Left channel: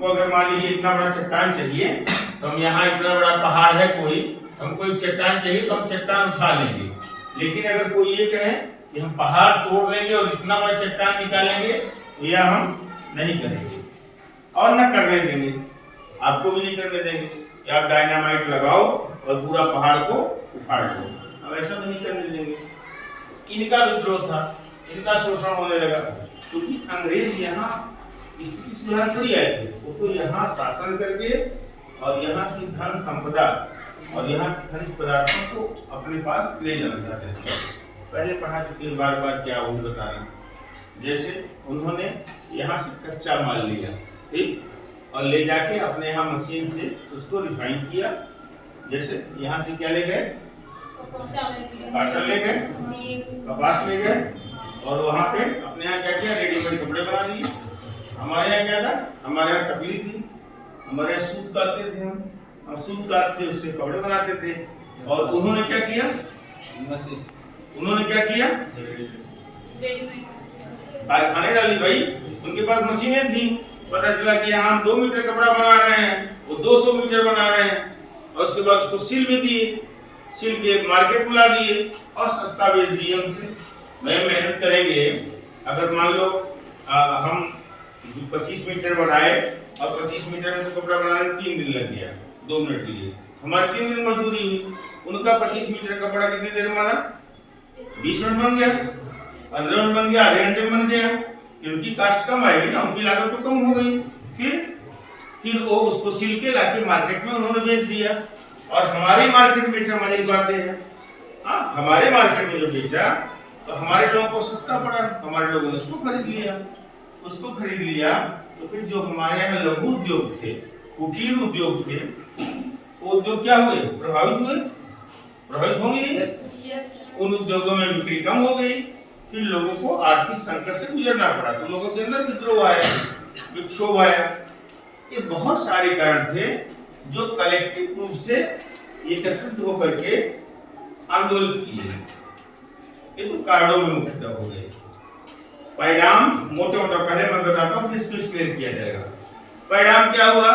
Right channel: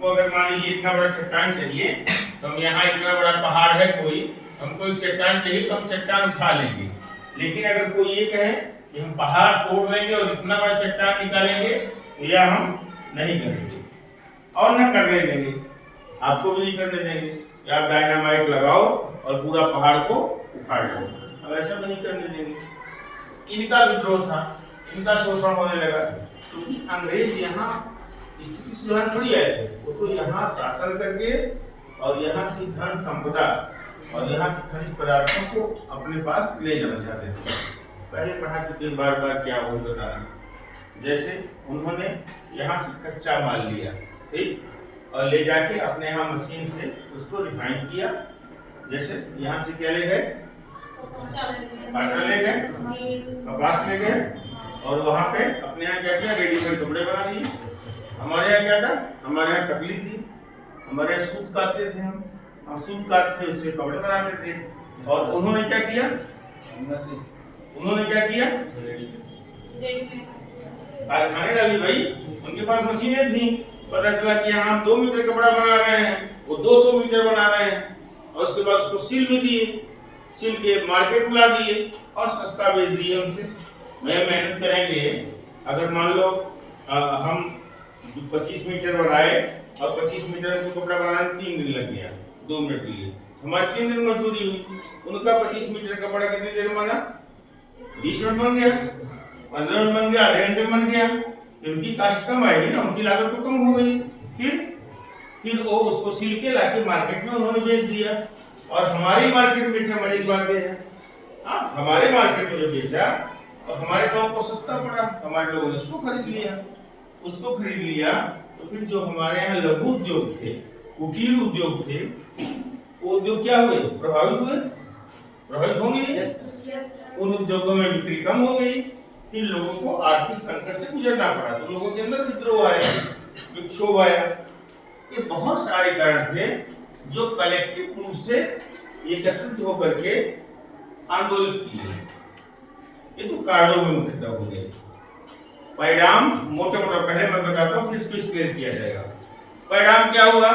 हमको अगर मान लीजिए इतना बड़ा चट्टान चाहिए तो हम यहाँ इतना बड़ा पहाड़ है कोई, हमको एक चट्टान चाहिए तो हम चट्टान उठा लेंगे। लेकिन अगर कोई ये कहे कि हम पहाड़ तोड़ लेंगे और इतना बड़ा चट्टान निकालेंगे तो यह हम नहीं करेंगे और न करने देंगे, आपको भी नहीं करने देंगे कि आप डायनामाइट लगाओ और पूरा पहाड़ को उखाड़ लो, अब ऐसा भी नहीं करने देंगे। इनका विद्रोह था, इनका शोषण होने लगा क्योंकि अंग्रेज यहाँ स्थिति सुधार थोड़ी आए थे, वो तो यहाँ शासन करके और यहाँ की धन संपदा और यहाँ के खनिज पदार्थों को अपने पास ले जाना चाहते थे। पहले पढ़ा चुके बार बार क्या वो बता रहा, जैसे उन्होंने यहाँ से कच्चा माल लिया, ठीक, और ले जाके अपने यहाँ मशीन से उसको रिफाइन किया। जैसे यहाँ से क्या ले गए, कॉटन ले गए, कपास ले गए और वहाँ पे अपने यहाँ क्या किया, रेडीमेड कपड़े बना दिए। हमारे यहाँ क्या था, हमारे यहाँ तकलीफ थी, हमारे यहाँ सूत काटते थे, हम सूत काटते उससे कपड़े बनाते थे। और उन्होंने क्या किया, कारखाने डाली भाई, उनके पास मशीनें थी, पता चला कि यहाँ हम 2 मीटर कपड़ा बना रहे हैं, वो 200 मीटर बना रहे हैं और उसके बाद उसको सिल भी दिए, सिल के मार्केट में ला दिए और सस्ता बेच दिए उनसे। मैं मेहनत करेंगे, अगर मान लो हम 25 मीटर बढ़ाए और 25 मीटर में तो कपड़ा बनाने में 3 दिन लग गया, 2 मिनट के लिए हमारी 3 दिन मजदूरी हुई। उनका 25 मीटर कपड़ा कितनी देर में बना, 20 मिनट बन गया, 15 मिनट बन गया, आधे घंटे में बन गया। उनकी कास्ट कम आएगी ना, उनकी लागत तो कम हो गई। फिर वो उसको सिल के लाके मार्केट में उन्होंने बेच दिया और हमारी मार्केट में बेचा। मजे की बात है, हाँ, हमारे मार्केट में जो बेचा तो हमारे लोगों को सस्ता पड़ा, हमारे लोगों ने उसको खरीद लिया। तो फिर जो हमारे यहाँ लघु उद्योग थे, कुटीर उद्योग थे, वो उद्योग क्या हुए, प्रभावित होंगे। उन उद्योगों में बिक्री कम हो गई, फिर लोगों को आर्थिक संकट से गुजरना पड़ा, तो लोगों के अंदर विद्रोह आया, विक्षोभ आया। ये बहुत सारे कारण थे जो कलेक्टिव रूप से एकत्रित होकर के आंदोलन किए। ये तो कारणों में मुख्यतः हो गए। परिणाम मोटे पहले मैं बताता हूँ, फिर इसको क्लियर किया जाएगा। परिणाम क्या हुआ,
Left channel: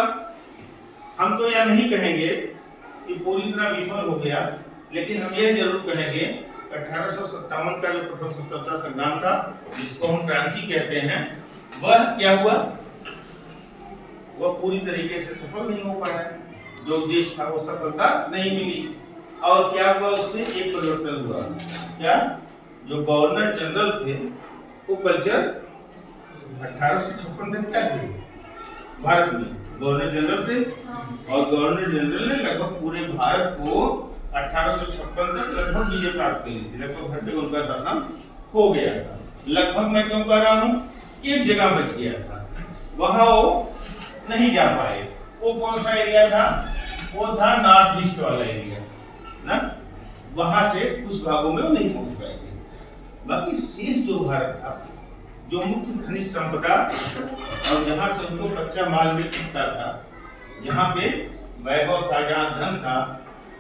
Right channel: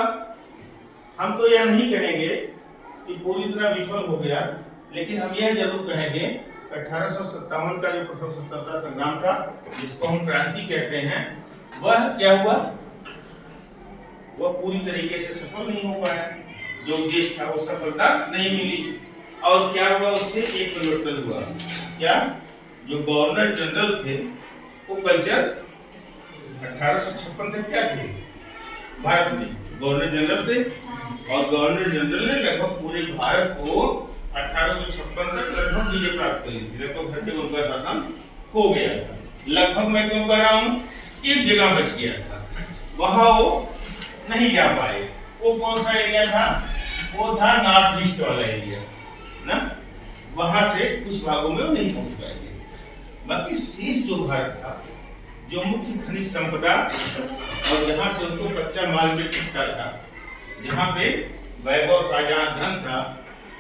हम तो यह नहीं कहेंगे कि पूरी तरह विफल हो गया, लेकिन हम यह जरूर कहेंगे 1857 का जो प्रथम स्वतंत्रता संग्राम था, जिसको हम क्रांति कहते हैं, वह क्या हुआ, वह पूरी तरीके से सफल नहीं हो पाया। जो उद्देश्य था वो सफलता नहीं मिली। और क्या हुआ, उससे एक परिवर्तन हुआ। क्या, जो गवर्नर जनरल थे वो कल्चर 1856 तक क्या थे, भारत में गवर्नर जनरल थे और गवर्नर जनरल ने लगभग पूरे भारत को 1856 तक लगभग विजय प्राप्त कर ली थी। लगभग हर जगह उनका शासन हो गया था। लगभग मैं क्यों कह रहा हूँ, एक जगह बच गया था, वहां वो नहीं जा पाए। वो कौन सा एरिया था, वो था नॉर्थ ईस्ट वाला एरिया ना, वहां से कुछ भागों में वो नहीं पहुंच पाए थे। बाकी शेष जो भारत था, जो मुख्य खनिज संपदा और जहां से उनको कच्चा माल मिल सकता था, जहां पे वैभव था, जहां धन था,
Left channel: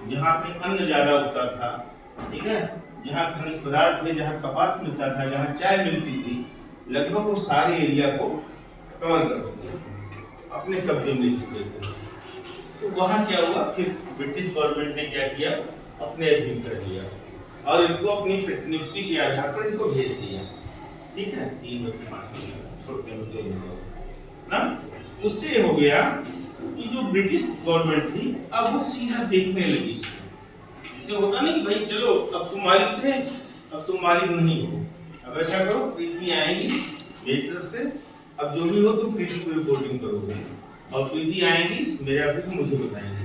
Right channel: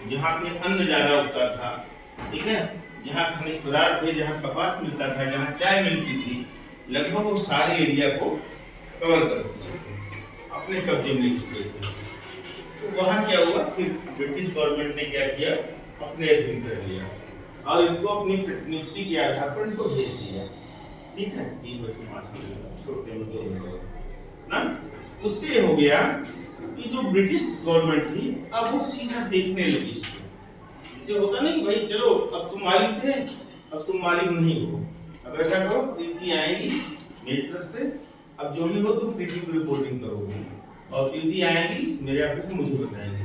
जहां पे अन्न ज्यादा उगता था, ठीक है, जहां खनिज पदार्थ थे, जहां कपास मिलता था, जहां चाय मिलती थी, लगभग वो सारे एरिया को कवर कर चुके थे, अपने कब्जे में ले चुके थे। तो वहां क्या हुआ, फिर ब्रिटिश गवर्नमेंट ने क्या किया, अपने अधीन कर लिया और इनको अपनी नियुक्ति के आधार पर इनको भेज दिया। ठीक है, 3 छोटे ना, उससे हो गया कि जो ब्रिटिश गवर्नमेंट थी अब वो सीधा देखने लगी इसको। इससे होता नहीं कि भाई चलो अब तुम मालिक थे, अब तुम मालिक नहीं हो, अब ऐसा करो, प्रीति आएगी मेरी तरफ से, अब जो भी हो तुम प्रीति को रिपोर्टिंग करोगे और प्रीति आएगी मेरे ऑफिस में मुझे बताएंगे।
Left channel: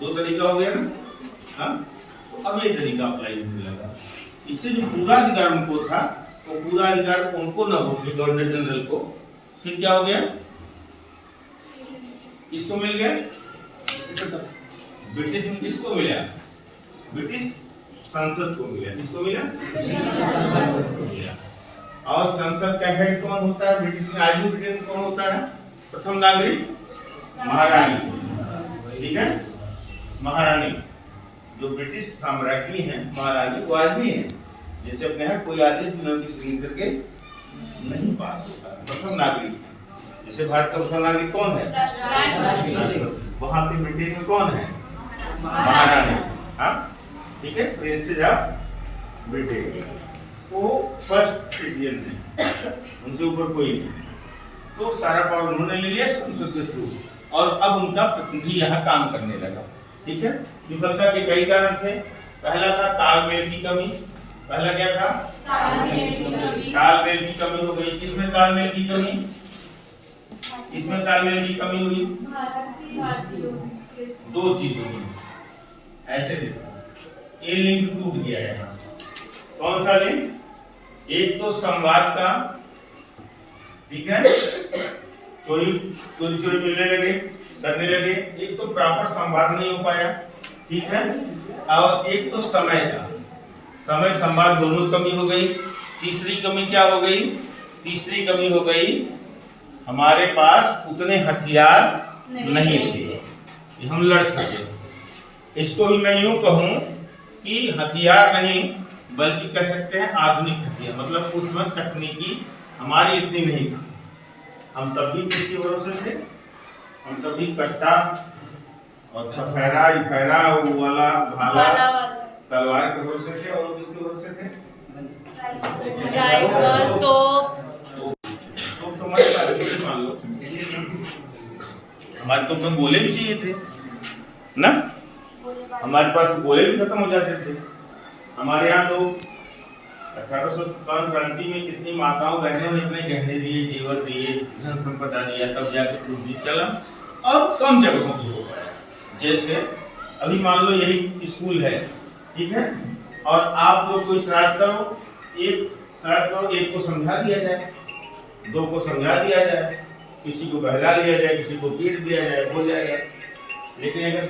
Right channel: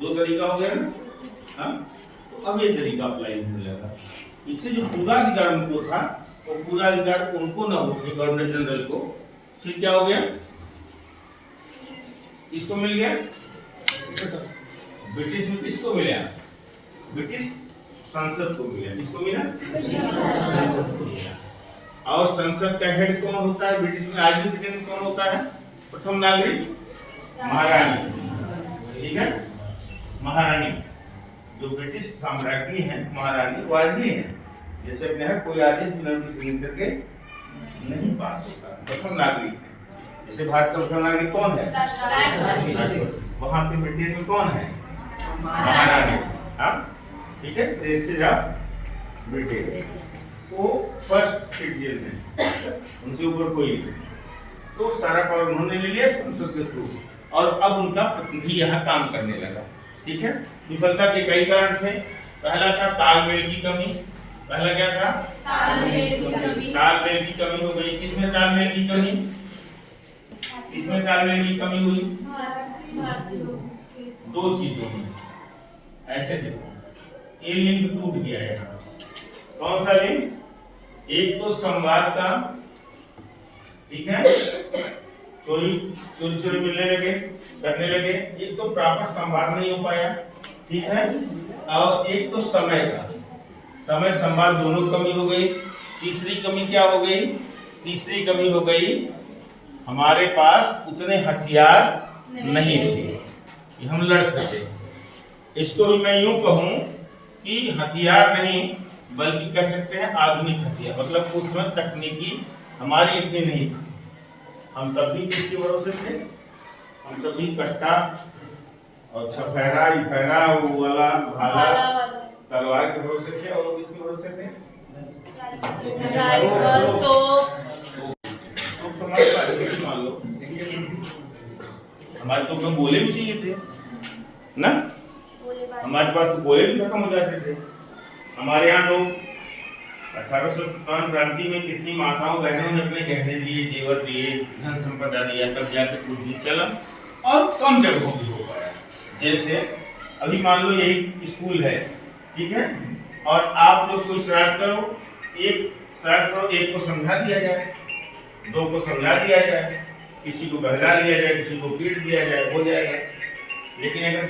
2 तरीका हो गया ना, हाँ, तो अब ये तरीका अप्लाई होने लगा। इससे जो पूरा अधिकार उनको था, वो पूरा अधिकार उनको न होकर गवर्नर जनरल को, फिर क्या हो गया, किसको मिल गया, ब्रिटिश में किसको मिला, ब्रिटिश संसद को मिला। किसको मिला, संसद को मिला। और संसद का हेड कौन होता है ब्रिटिश में, आज भी ब्रिटेन में कौन होता है, प्रथम नागरिक महारानी। ठीक है, महारानी जो ब्रिटिश साम्राज्ञी है, महारानी वो आज भी है। जैसे अपने यहाँ कोई आदेश बिना उनकी सिग्नेचर के नहीं पास होता, प्रथम नागरिक है। जैसे भारत का प्रधान नागरिक कौन है? राष्ट्रपति। वहाँ पे ब्रिटेन में कौन है? महारानी। हाँ ठीक है, प्रिंसेस ऑफ ब्रिटेन, वो फर्स्ट सिटीजन है, उनसे ऊपर कोई नहीं। तो सारा पावर उन्होंने ले लिया संसद के थ्रू, और अब उनका प्रतिनिधि यहाँ काम करने लगा। ठीक है, विफलता के कई कारण थे। पहला था तालमेल की कमी। पहला क्या था? तालमेल की कमी हो गई। किसमें तालमेल की कमी? किसमें तालमेल की कमी हुई? दो चीजों में। ऐसे देखो, ये लिंक टूट गया यहाँ। कौन सा लिंक? एक तो संवाद का, ठीक है, चोरी मिलने लगे, करने लगे। एक तो प्रॉपर संवाद नहीं हो पाया, ठीक है, और एक तो समय का, समय संवाद दोनों कमी हो गई। तीसरी कमी क्या हो गई? तीसरी कमी हो गई, हमारे पास उतने हथियार नहीं थे कि हम लड़ सके। इसको भी मैं यूं कहूं कि हथियार नहीं, बल्कि कह सकते हैं आधुनिक हथियार, मतलब उस वक्त तकनीकी हमारी इतनी नहीं थी। हम तब भी किसके भरोसे थे? हम तब भी कट्टा और फहरा वो वाला भाला तलवार के भरोसे थे, और किसके भरोसे थे? तो हमारे पास मान लो, हमारे तो में गोले भी चाहिए थे ना, हमारे पास गोले भी खत्म हो जाते थे। हमारे यहाँ तो 1857 क्रांति में कितनी माताओं बहनों ने अपने गहने दिए, जेवर दिए, धन संपदा दिया, तब जाके कुछ भी चला, और कम जगहों भी हो पाया। जैसे अभी मान लो यही स्कूल है, ठीक है, और आप लोग कोई श्राद्ध करो, एक को समझा दिया जाए, दो को समझा दिया जाए, किसी को बहला लिया जाए, किसी को पीट दिया जाए, हो जाएगा। लेकिन अगर